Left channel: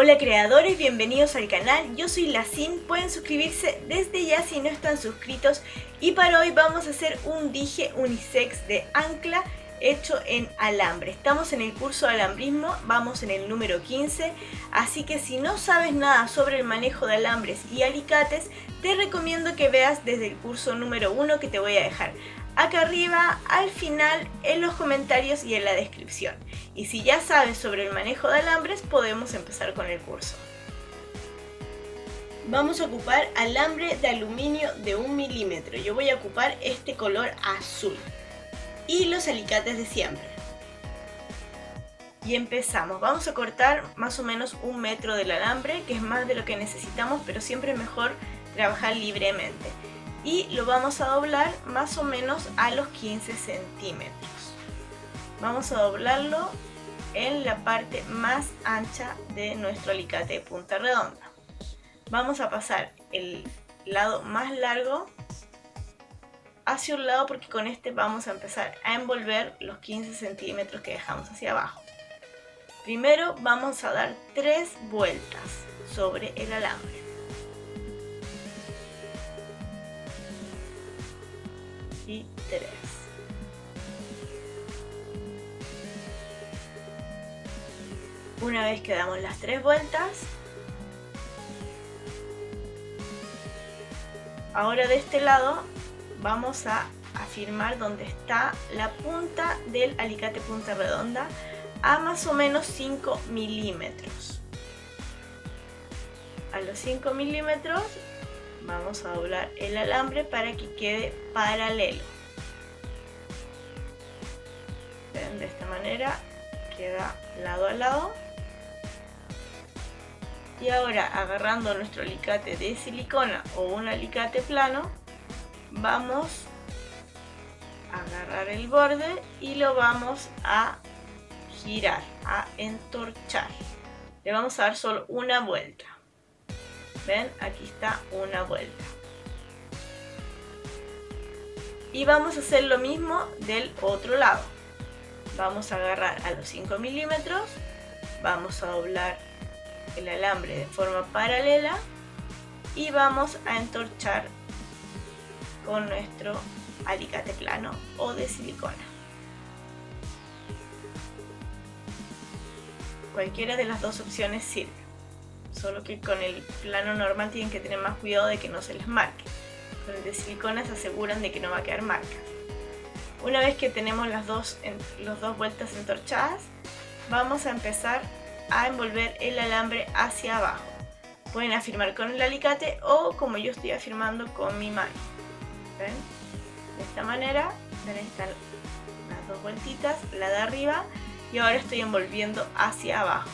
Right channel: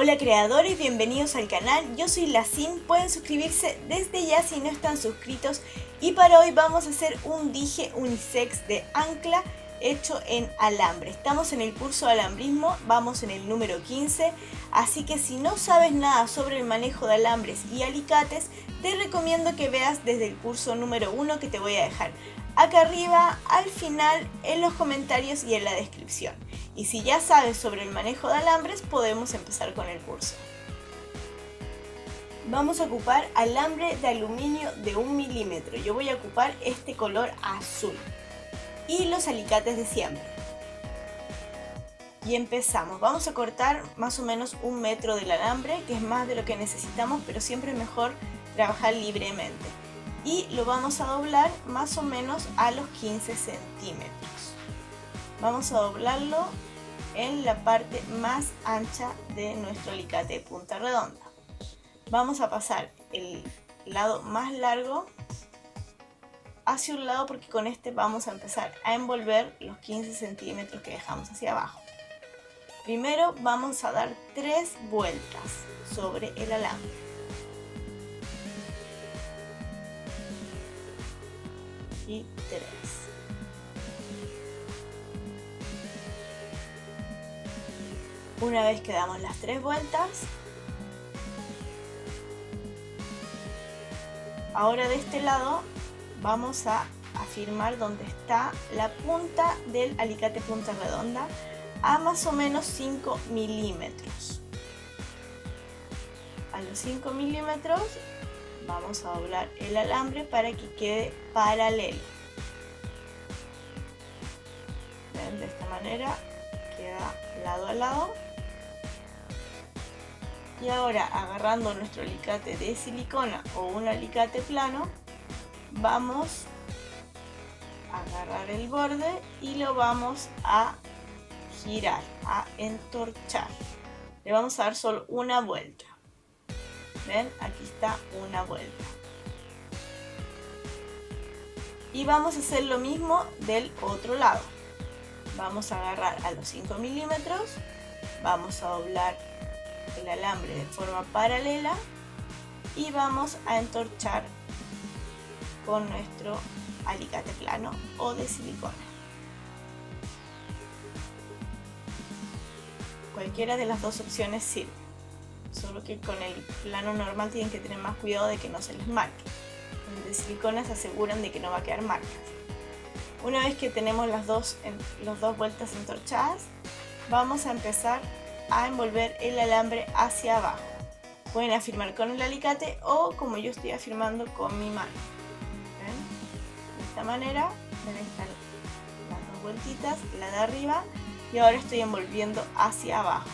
Hola creadores, bienvenidos al canal, yo soy Lacin, pueden suscribirse desde ya si no están suscritos y para hoy vamos a hacer un dije unisex de ancla hecho en alambre. Estamos en el curso de alambrismo, vamos en el número 15, así que si no sabes nada sobre el manejo de alambres y alicates, te recomiendo que veas desde el curso número 1 que te voy a dejar acá arriba, al final, en los comentarios y en la descripción. Y si ya sabes sobre el manejo de alambres, podemos empezar con el curso. Vamos a ocupar alambre de aluminio de 1 milímetro. Yo voy a ocupar este color azul. Y los alicates de siempre. Y empezamos. Vamos a cortar más o menos 1 metro del alambre, que es más de lo que necesitamos, pero siempre es mejor trabajar libremente. Y lo vamos a doblar más o menos a los 15 centímetros. Vamos a doblarlo en la parte más ancha de nuestro alicate de punta redonda. Vamos a pasar el lado más largo hacia un lado porque con este vamos a empezar a envolver los 15 centímetros que dejamos hacia abajo. Primero vamos a dar 3 vueltas sobre el alambre. Y 3. Una vez que damos las 3 vueltas, ahora de este lado vamos a afirmar donde está la punta del alicate punta redonda a más o menos 5 milímetros. A los 5 milímetros vamos a doblar el alambre para que quede paralelo. ¿Ven? De esta manera queda lado a lado. Y ahora, agarrando nuestro alicate de silicona o un alicate plano, vamos a agarrar el borde y lo vamos a girar, a entorchar. Le vamos a dar solo una vuelta. ¿Ven? Aquí está una vuelta. Y vamos a hacer lo mismo del otro lado. Vamos a agarrar a los 5 milímetros, vamos a doblar el alambre de forma paralela y vamos a entorchar con nuestro alicate plano o de silicona. Cualquiera de las dos opciones sirve. Solo que con el plano normal tienen que tener más cuidado de que no se les marque. Con el de silicona se aseguran de que no va a quedar marcas. Una vez que tenemos las dos vueltas entorchadas, vamos a empezar a envolver el alambre hacia abajo. Pueden afirmar con el alicate o como yo estoy afirmando con mi mano. ¿Ven? De esta manera, ven, están las dos vueltitas, la de arriba, y ahora estoy envolviendo hacia abajo.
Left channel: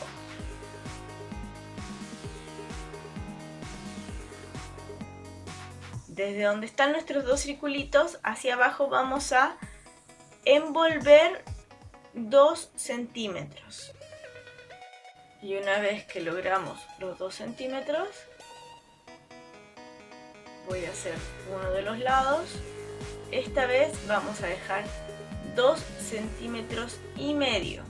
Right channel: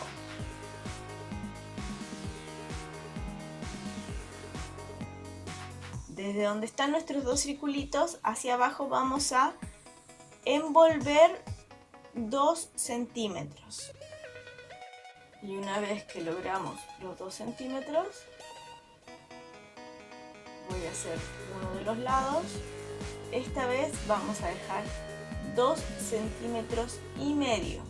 Desde donde están nuestros dos circulitos hacia abajo vamos a envolver 2 centímetros. Y una vez que logramos los 2 centímetros, voy a hacer uno de los lados. Esta vez vamos a dejar 2 centímetros y medio.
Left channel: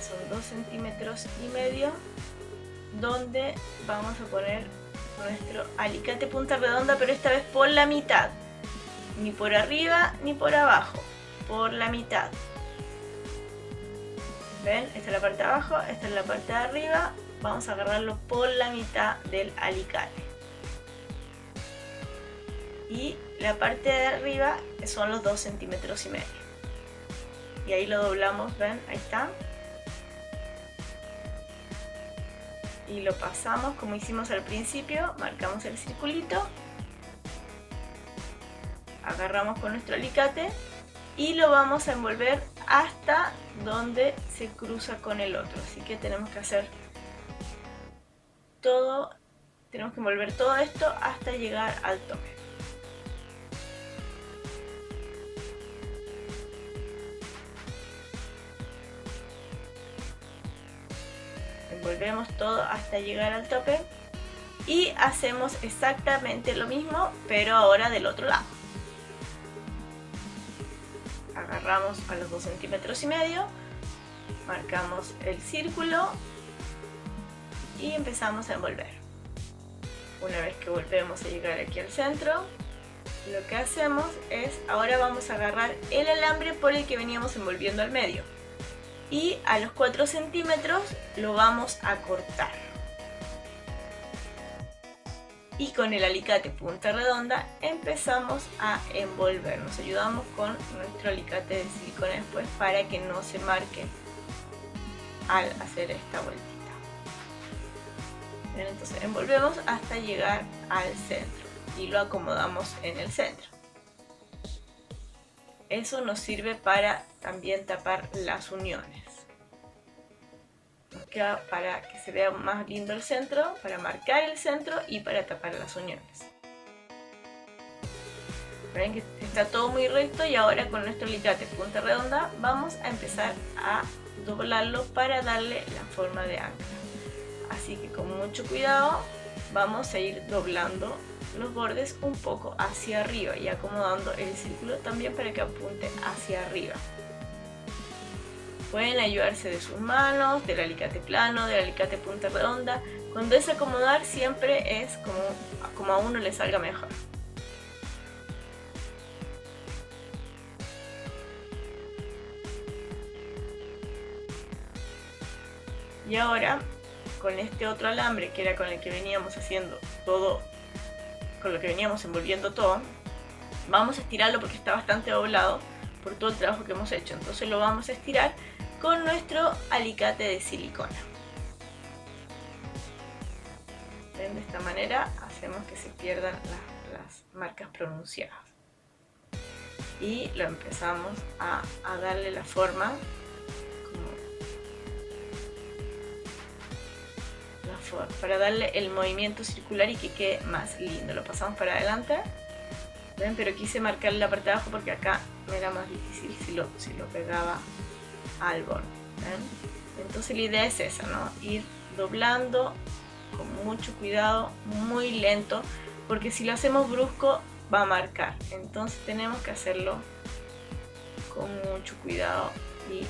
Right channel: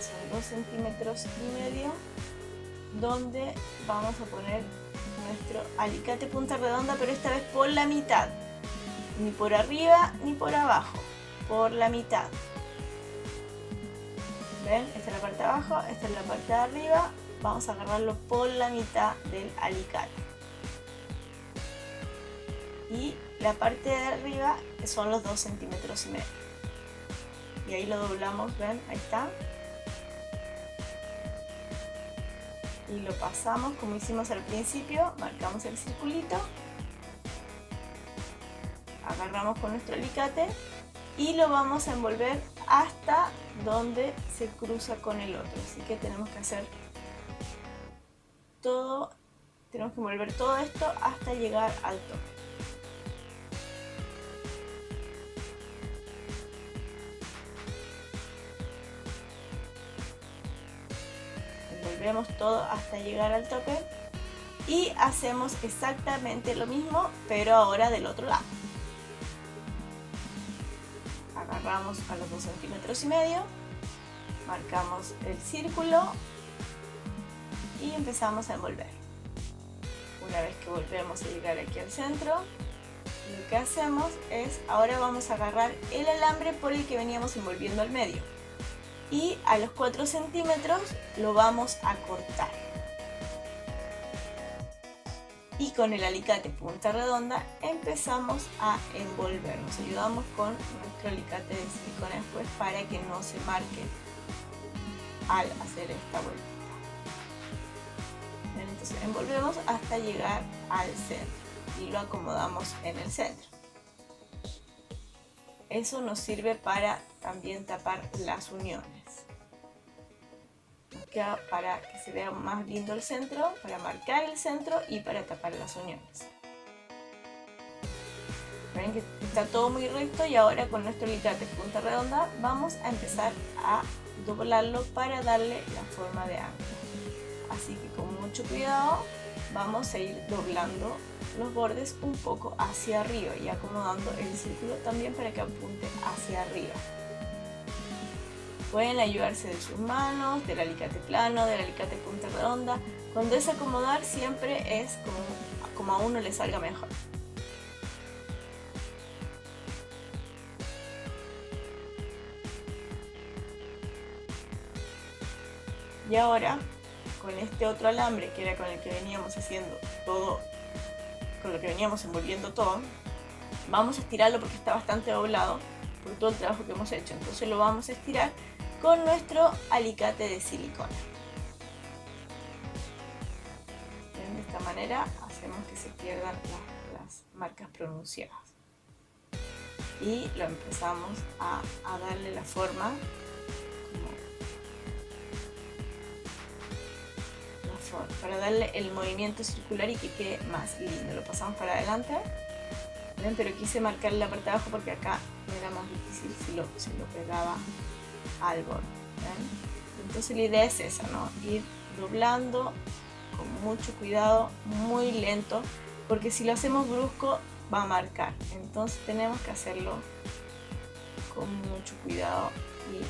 Son 2 centímetros y medio donde vamos a poner nuestro alicate punta redonda, pero esta vez por la mitad, ni por arriba ni por abajo, por la mitad. ¿Ven? Esta es la parte de abajo, esta es la parte de arriba, vamos a agarrarlo por la mitad del alicate. Y la parte de arriba son los 2 centímetros y medio. Y ahí lo doblamos, ¿ven? Ahí está. Y lo pasamos como hicimos al principio, marcamos el circulito, agarramos con nuestro alicate y lo vamos a envolver hasta donde se cruza con el otro. Así que tenemos que hacer todo, tenemos que envolver todo esto hasta llegar al tope. Envolvemos todo hasta llegar al tope y hacemos exactamente lo mismo, pero ahora del otro lado. Agarramos a los 2 centímetros y medio marcamos el círculo y empezamos a envolver. Una vez que volvemos a llegar aquí al centro, lo que hacemos es, ahora vamos a agarrar el alambre por el que veníamos envolviendo al medio y a los 4 centímetros lo vamos a cortar. Y con el alicate punta redonda empezamos a envolver. Nos ayudamos con nuestro alicate de silicona después para que no se marque al hacer esta vueltita. Bien, entonces envolvemos hasta llegar al centro y lo acomodamos en el centro. Eso nos sirve para también tapar las uniones. Nos queda para que se vea más lindo el centro, para marcar el centro y para tapar las uniones. Ven que está todo muy recto y ahora con nuestro alicate punta redonda vamos a empezar a doblarlo para darle la forma de ancla. Así que con mucho cuidado vamos a ir doblando los bordes un poco hacia arriba y acomodando el círculo también para que apunte hacia arriba. Pueden ayudarse de sus manos, del alicate plano, del alicate punta redonda. Cuando es acomodar siempre es como a uno le salga mejor. Y ahora con este otro alambre que era con el que veníamos haciendo todo, con lo que veníamos envolviendo todo, vamos a estirarlo porque está bastante doblado por todo el trabajo que hemos hecho. Entonces lo vamos a estirar con nuestro alicate de silicona. De esta manera hacemos que se pierdan las marcas pronunciadas. Y lo empezamos a darle la forma, para darle el movimiento circular y que quede más lindo. Lo pasamos para adelante. ¿Ven? Pero quise marcar la parte de abajo porque acá me era más difícil si lo pegaba al borde. ¿Ven? Entonces la idea es esa, ¿no? Ir doblando con mucho cuidado, muy lento, porque si lo hacemos brusco va a marcar. Entonces tenemos que hacerlo con mucho cuidado y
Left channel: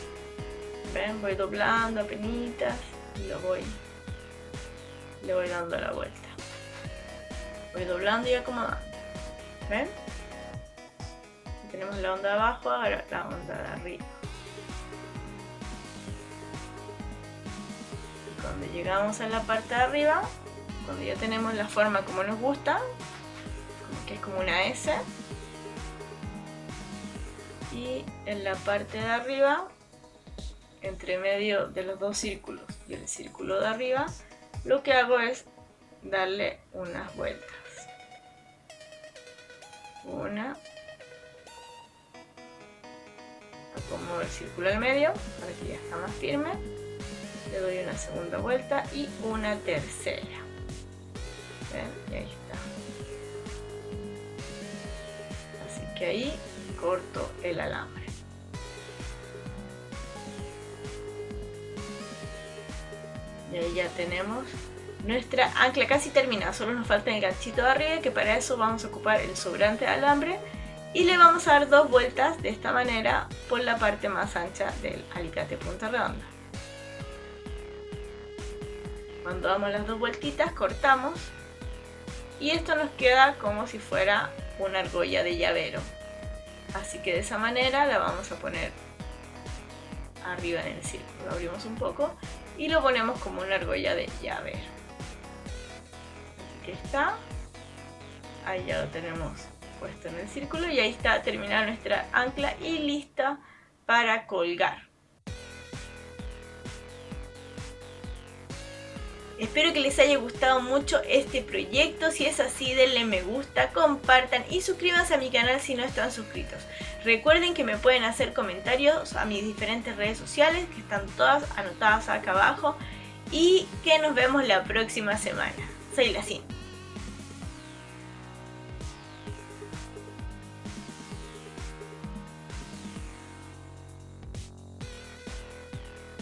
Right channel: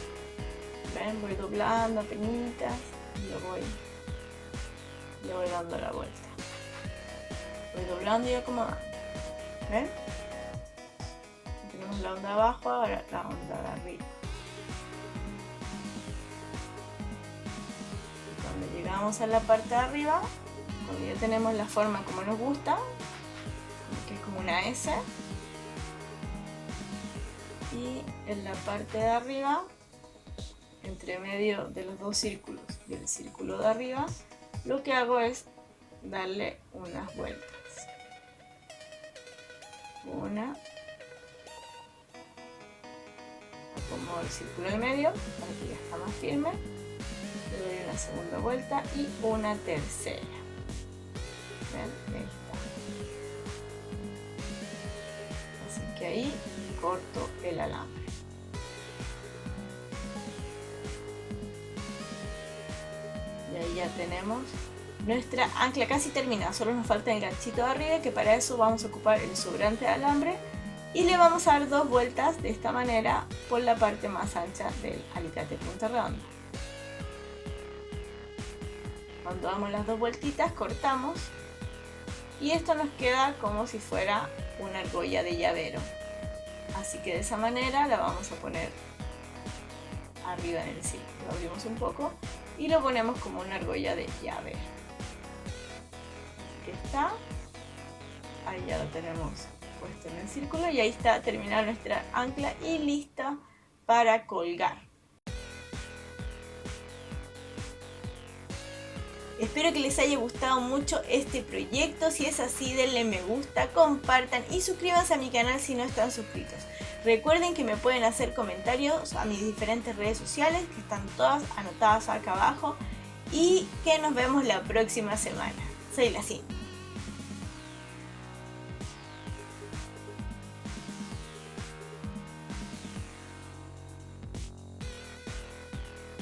¿ven? Voy doblando apenitas y le voy dando la vuelta. Voy doblando y acomodando. ¿Ven? Tenemos la onda de abajo, ahora la onda de arriba. Y cuando llegamos a la parte de arriba, cuando ya tenemos la forma como nos gusta, que es como una S, y en la parte de arriba, entre medio de los dos círculos y el círculo de arriba, lo que hago es darle unas vueltas. Una. Acomodo el círculo al medio para que ya está más firme. Le doy una segunda vuelta y una tercera. ¿Ven? Ahí está. Así que ahí corto el alambre. Y ahí ya tenemos nuestra ancla casi terminada, solo nos falta el ganchito de arriba, que para eso vamos a ocupar el sobrante de alambre y le vamos a dar 2 vueltas de esta manera por la parte más ancha del alicate punta redonda. Cuando damos las 2 vueltitas cortamos y esto nos queda como si fuera una argolla de llavero, así que de esa manera la vamos a poner arriba en el círculo. Lo abrimos un poco y lo ponemos como una argolla de llavero. Aquí está, ahí ya lo tenemos puesto en el círculo y ahí está terminada nuestra ancla y lista para colgar. Espero que les haya gustado mucho este proyecto. Si es así, denle me gusta, compartan y suscríbanse a mi canal si no están suscritos. Recuerden que me pueden hacer comentarios a mis diferentes redes sociales, que están todas anotadas acá abajo, y que nos vemos la próxima semana. Soy la Cindy.